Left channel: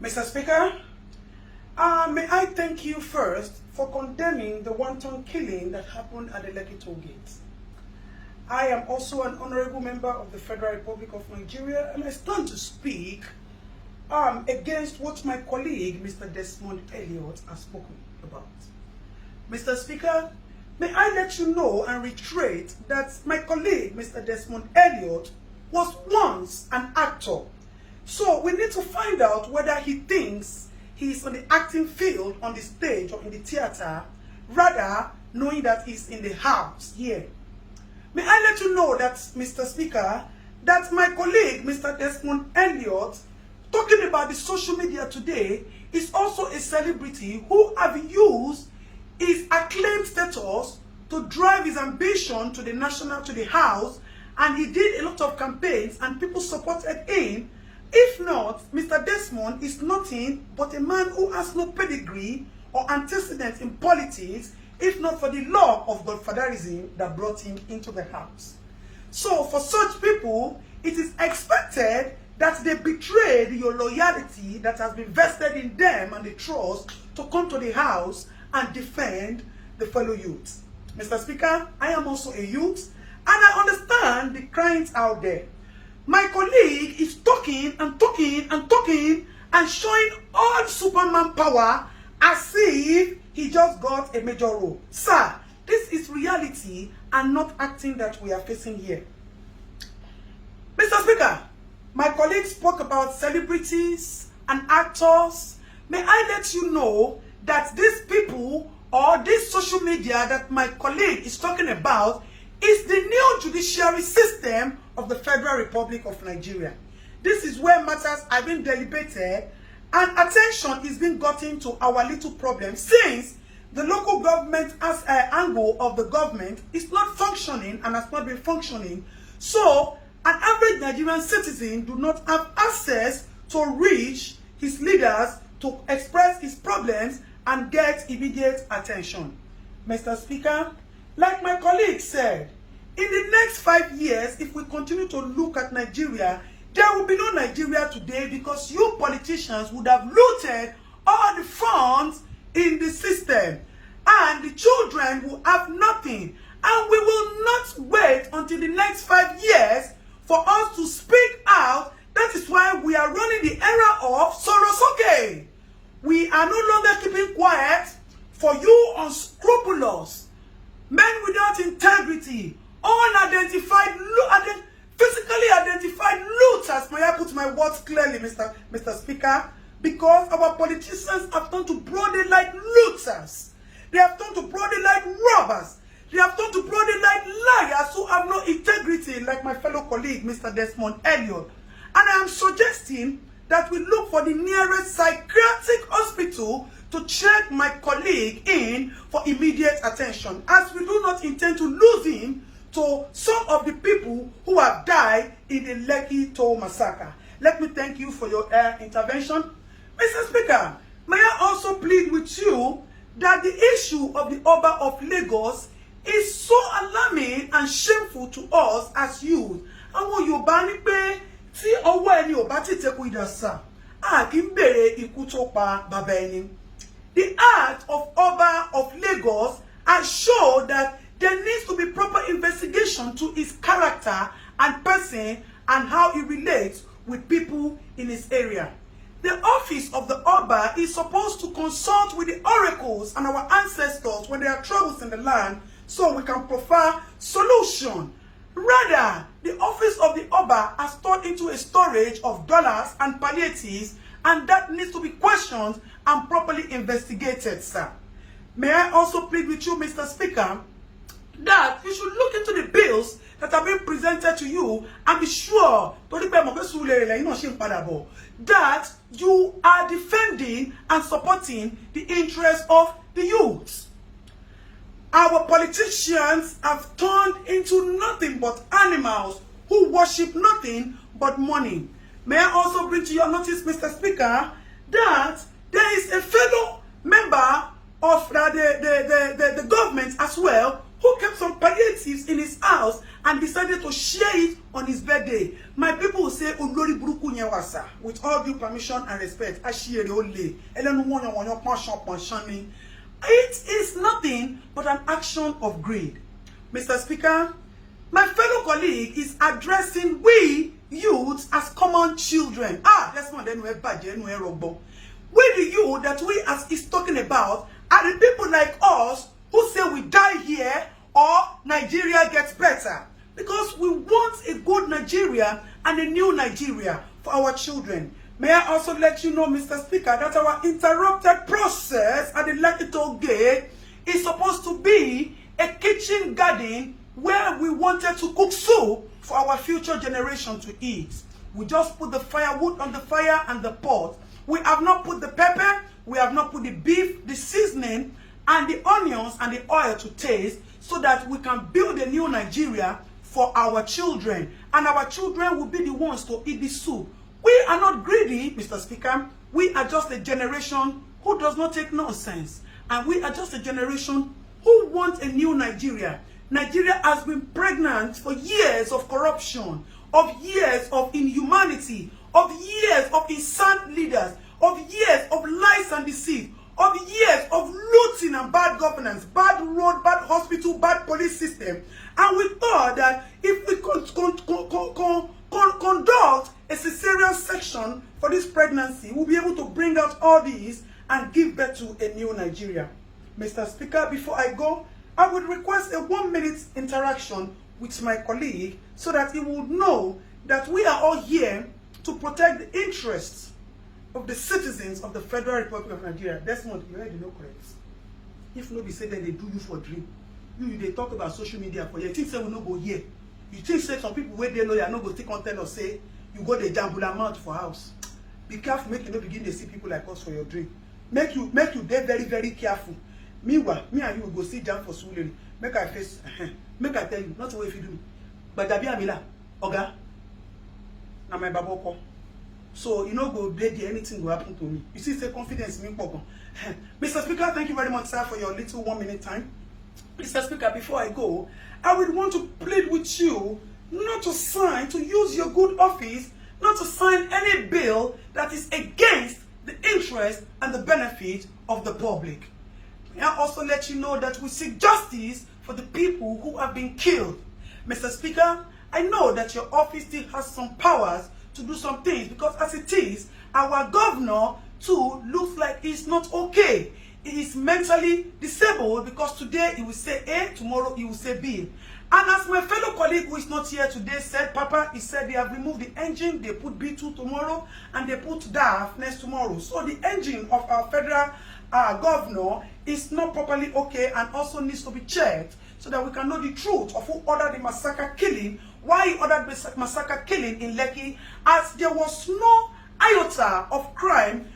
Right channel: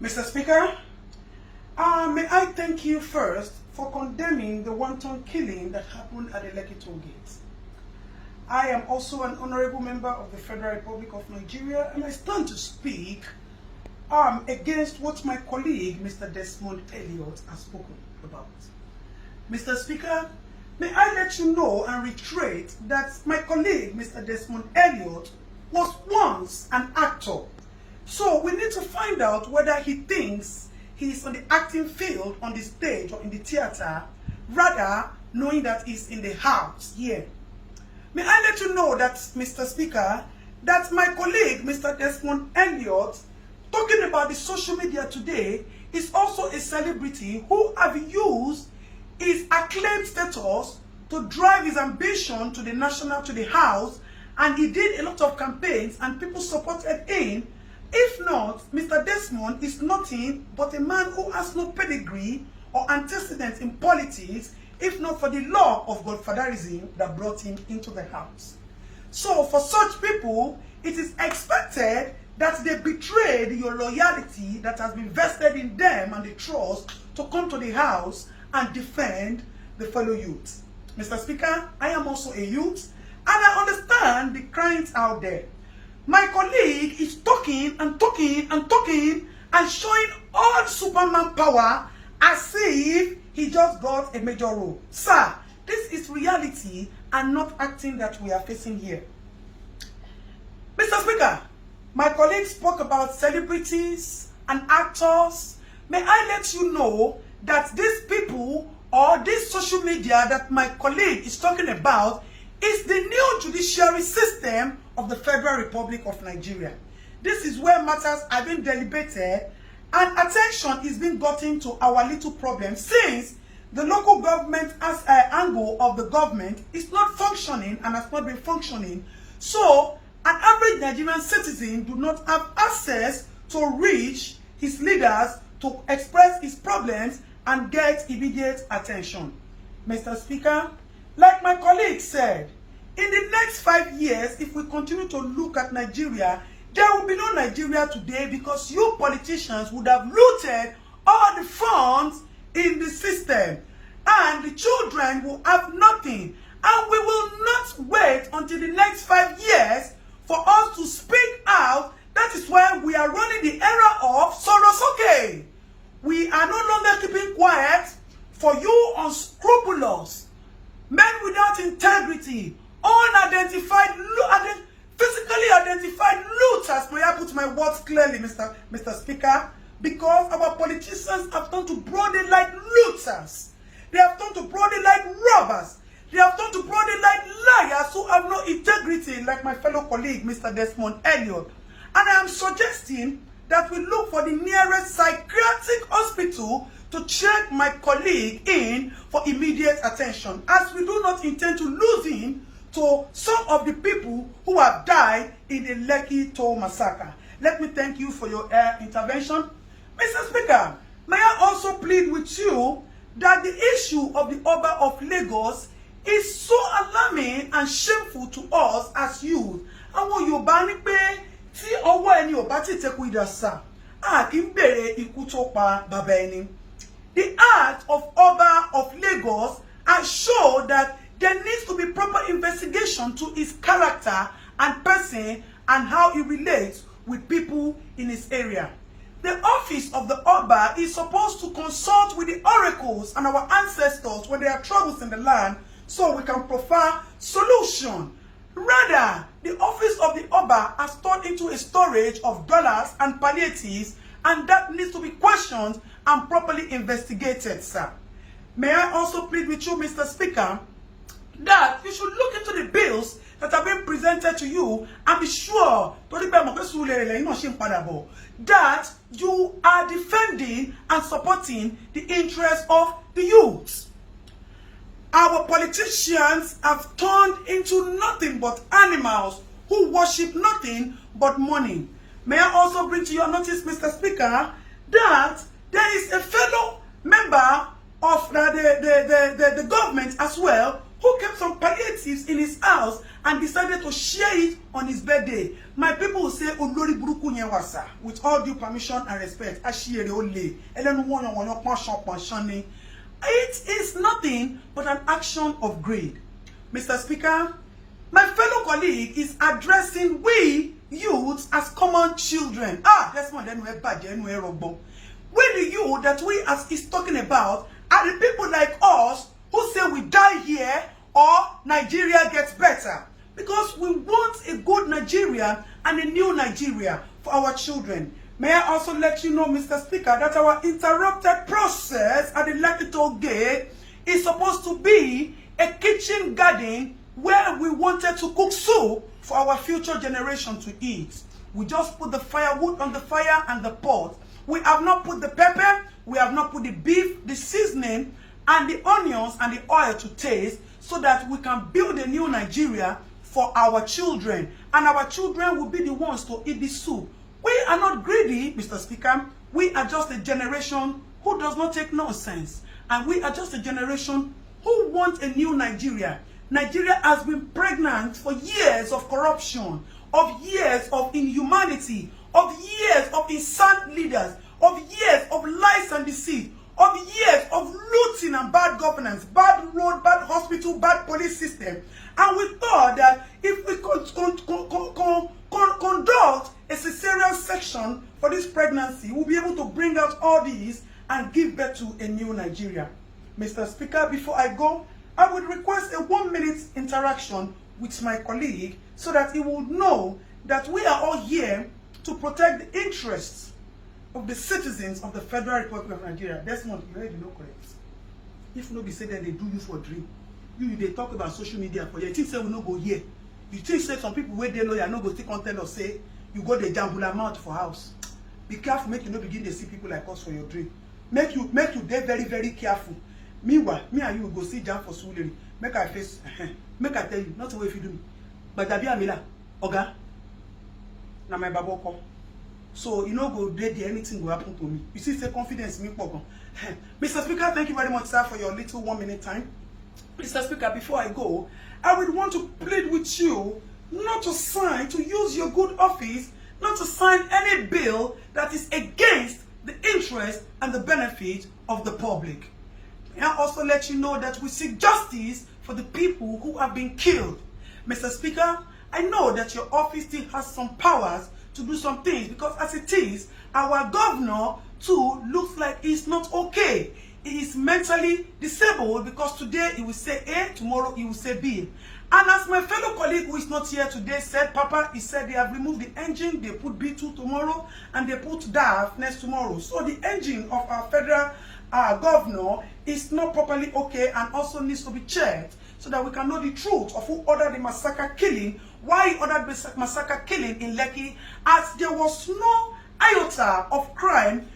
Mr. Speaker, may I thank you first for condemning the wanton killing that happened at the Lekki toll gate. I am also an honorable member of the Federal Republic of Nigeria, and I stand to speak against what my colleague, Mr. Desmond Elliot, has spoken about. Mr. Speaker, may I let you know and reiterate that my colleague, Mr. Desmond Elliot, was once an actor. So we need to find out whether he thinks he's on the acting field, on the stage or in the theater, rather knowing that he's in the house here. May I let you know that, Mr. Speaker, that my colleague, Mr. Desmond Elliot, talking about the social media today, is also a celebrity who have used his acclaimed status to drive his ambition to the house, and he did a lot of campaigns and people supported him. If not, Mr. Desmond is nothing but a man who has no pedigree or antecedents in politics, if not for the law of godfatherism that brought him into the house. So for such people, it is expected that they betrayed your loyalty that has been vested in them and the trust to come to the house and defend the fellow youth. Mr. Speaker, I am also a youth, and I understand the cryings out there. My colleague is talking and talking and talking and showing all Superman power as if he just got a major role. Sir, this is reality and not acting that we are facing here. Mr. Speaker, my colleague spoke about celebrities and actors. May I let you know that these people or this social media that my colleague is talking about is the new judiciary system of the Federal Republic of Nigeria. This is where matters are being deliberated and attention is being gotten to our little problem, since the local government as an angle of the government is not functioning and has not been functioning. So an average Nigerian citizen do not have access to reach his leaders to express his problems and get immediate attention. Mr. Speaker, like my colleague said, in the next 5 years, if we continue to look at Nigeria, there will be no Nigeria today, because you politicians would have looted all the funds in the system, and the children will have nothing. And we will not wait until the next 5 years for us to speak out. That is why we are running the era of Sorosoke. We are no longer keeping quiet for you unscrupulous, men without integrity, unidentified, physically identified looters. May I put my words clearly, Mr. Speaker? Because our politicians have turned to broad daylight looters. They have turned to broad daylight robbers. They have turned to broad daylight liars who have no integrity, like my fellow colleague, Mr. Desmond Elliot. And I am suggesting that we look for the nearest psychiatric hospital to check my colleague in for immediate attention, as we do not intend to lose him to some of the people who have died in the Lekki toll massacre. Let me thank you for your intervention. Mr. Speaker, may I also plead with you that the issue of the Oba of Lagos is so alarming and shameful to us as youth. Àwọn Yorùbá ní pé tí ọwọ́ ẹni ò bá ti tẹkù ìdàsà, a kì í bèrè ikú tó pa bàbá ẹni. The act of Oba of Lagos has shown that there needs to be proper investigation to his character and person and how he relates with people in his area. The office of the Oba is supposed to consult with the oracles and our ancestors when there are troubles in the land, so we can provide solution. Rather, the office of the Oba has turned into a storage of dollars and palliatives, and that needs to be questioned and properly investigated, sir. May I also plead with you, Mr. Speaker, that you should look into the bills that have been presented to you and be sure that you are defending and supporting the interests of the youth. Our politicians have turned into nothing but animals who worship nothing but money. May I also bring to your notice, Mr. Speaker, that there is a fellow member of the government as well who kept some palliatives in his house and decided to share it on his birthday. My people will say, Olori Buruku Nyewasa, with all due permission and respect, Ashiere Ole, it is nothing but an action of greed. Mr. Speaker, my fellow colleague is addressing we youths as common children. Desmond Elliot, we the youth that we as is talking about are the people like us who say we die here or Nigeria gets better. Because we want a good Nigeria and a new Nigeria for our children. May I also let you know, Mr. Speaker, that our interrupted process at the Lekki Gate is supposed to be a kitchen garden where we wanted to cook soup for our future generation to eat. We just put the firewood on the fire and the pot. We have not put the pepper, we have not put the beef, the seasoning, and the onions and the oil to taste so that we can build a new Nigeria for our children. And our children will be the ones to eat the soup. We are not greedy, Mr. Speaker. We are just a generation who does not take nonsense. And we are just a generation who want a new Nigeria. Nigeria has been pregnant for years of corruption, of years of inhumanity, of years of insane leaders, of years of lies and deceit, of years of looting and bad governance, bad road, bad hospital, bad police system. And we thought that if we could conduct a cesarean section for this pregnancy, we'll be able to bring out all these and give birth to a new Nigeria. Mr. Speaker, before I go, I would request a 1-minute interaction with my colleague so that he would know that we are all here to protect the interests of the citizens of the Federal Republic of Nigeria. Desmond, you already know correct. If nobody say that they do you for dream, they talk about social media for you. You think say we no go here. You think say some people where they lawyer no go still content or say you go the jambula mouth for house. Be careful, make you not begin to see people like us for your dream. Make you dey very, very careful. Meanwhile, me and you will go see jam for Suleri. Make I face, make I tell you, not the way if you do. But Dabi Amila, Oga, na my baboko. So you know go there, anything will happen to me. You see, say confidence in me, Mr. Speaker, thank you very much, sir, for your little 1-minute time. Mr. Speaker, before I go, I would want to plead with you not to sign, to use your good office, not to sign any bill that is against the interest and the benefit of the public. May I also let you know that we seek justice for the people who have been killed. Mr. Speaker, I know that your office still has some powers to do some things because as it is, our governor too looks like he's not okay. He is mentally disabled because today he will say A, tomorrow he will say B. And as my fellow colleague who is not here today said, Papa, he said they have removed the engine, they put B2 tomorrow, and they put DAF next tomorrow. So the engine of our federal governor is not properly okay and also needs to be checked so that we can know the truth of who ordered the massacre killing, why he ordered the massacre killing in Lekki, as there was no iota of crime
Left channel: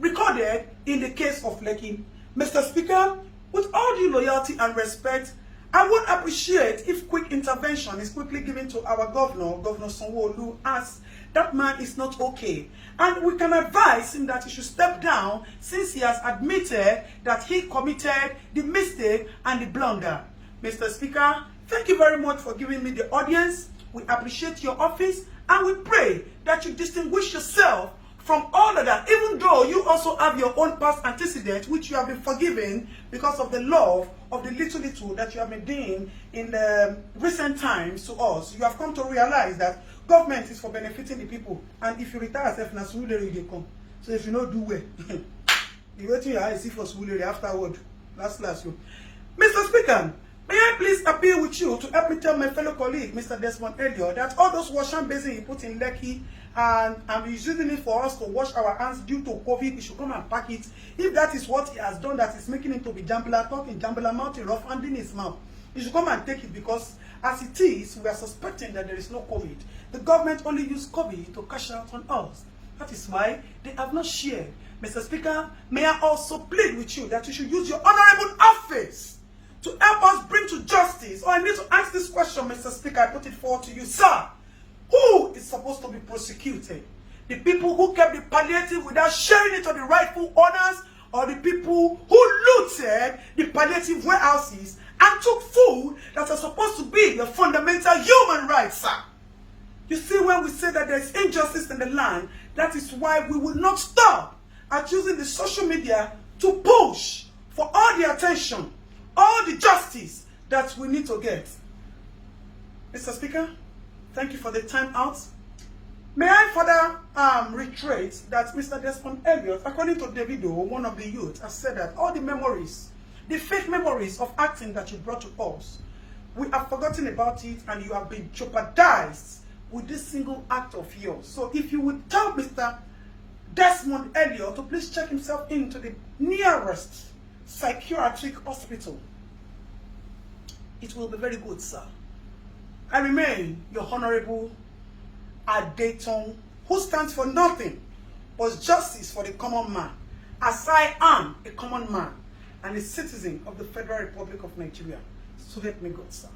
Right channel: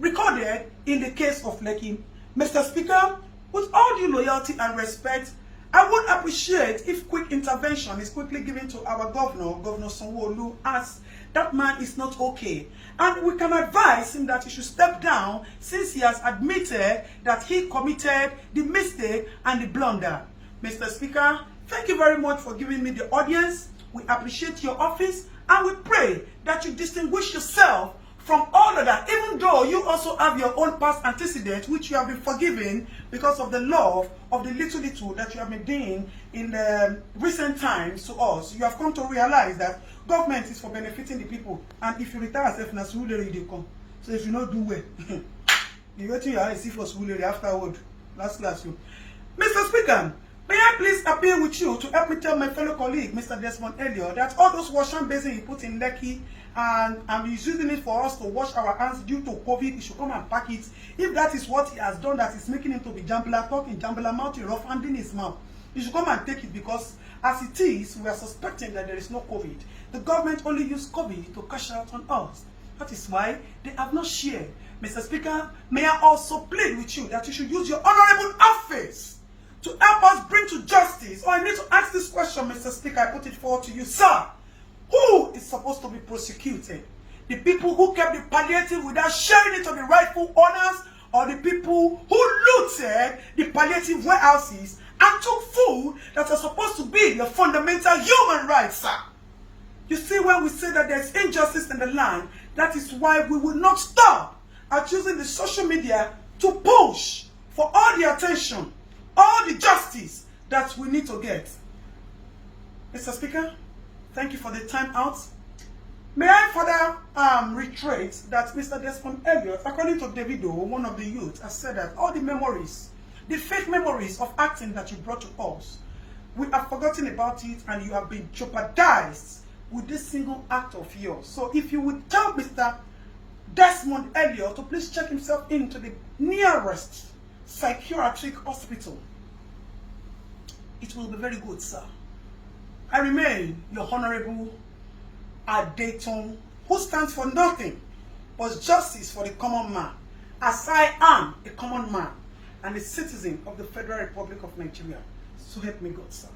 recorded in the case of Lekki. Mr. Speaker, with all due loyalty and respect, I would appreciate if quick intervention is quickly given to our governor, Governor Sanwo-Olu, as that man is not okay. And we can advise him that he should step down since he has admitted that he committed the mistake and the blunder. Mr. Speaker, thank you very much for giving me the audience. We appreciate your office and we pray that you distinguish yourself from all of that, even though you also have your own past antecedents, which you have been forgiven because of the love of the little that you have been doing in the recent times to us. You have come to realize that government is for benefiting the people, and if you retire yourself, na Suleri they come. So if you not do well, you go to your eyes see for Suleri afterward. Last. So, Mr. Speaker, may I please appeal with you to help me tell my fellow colleague, Mr. Desmond Elliot, that all those wash hand basins he put in Lekki and he's using it for us to wash our hands due to COVID, he should come and pack it. If that is what he has done, that is making him to be jambula talking, jambula mouth, rough handing his mouth, he should come and take it because as it is, we are suspecting that there is no COVID. The government only used COVID to cash out on us. That is why they have not shared. Mr. Speaker, may I also plead with you that you should use your honorable office to help us bring to justice. I need to ask this question, Mr. Speaker. I put it forward to you, sir. Who is supposed to be prosecuted? The people who kept the palliative without sharing it to the rightful owners, or the people who looted the palliative warehouses and took food that are supposed to be your fundamental human rights, sir. You see, when we say that there's injustice in the land, that is why we will not stop at using the social media to push for all the attention, all the justice that we need to get. Mr. Speaker, thank you for the time out. May I further reiterate that Mr. Desmond Elliot, according to Devido, one of the youth, has said that all the memories, the fake memories of acting that you brought to us, we have forgotten about it and you have been jeopardized with this single act of yours. So if you would tell Mr. Desmond Elliot to please check himself into the nearest psychiatric hospital, it will be very good, sir. I remain your Honorable Adeton, who stands for nothing but justice for the common man, as I am a common man and a citizen of the Federal Republic of Nigeria. So help me God, sir.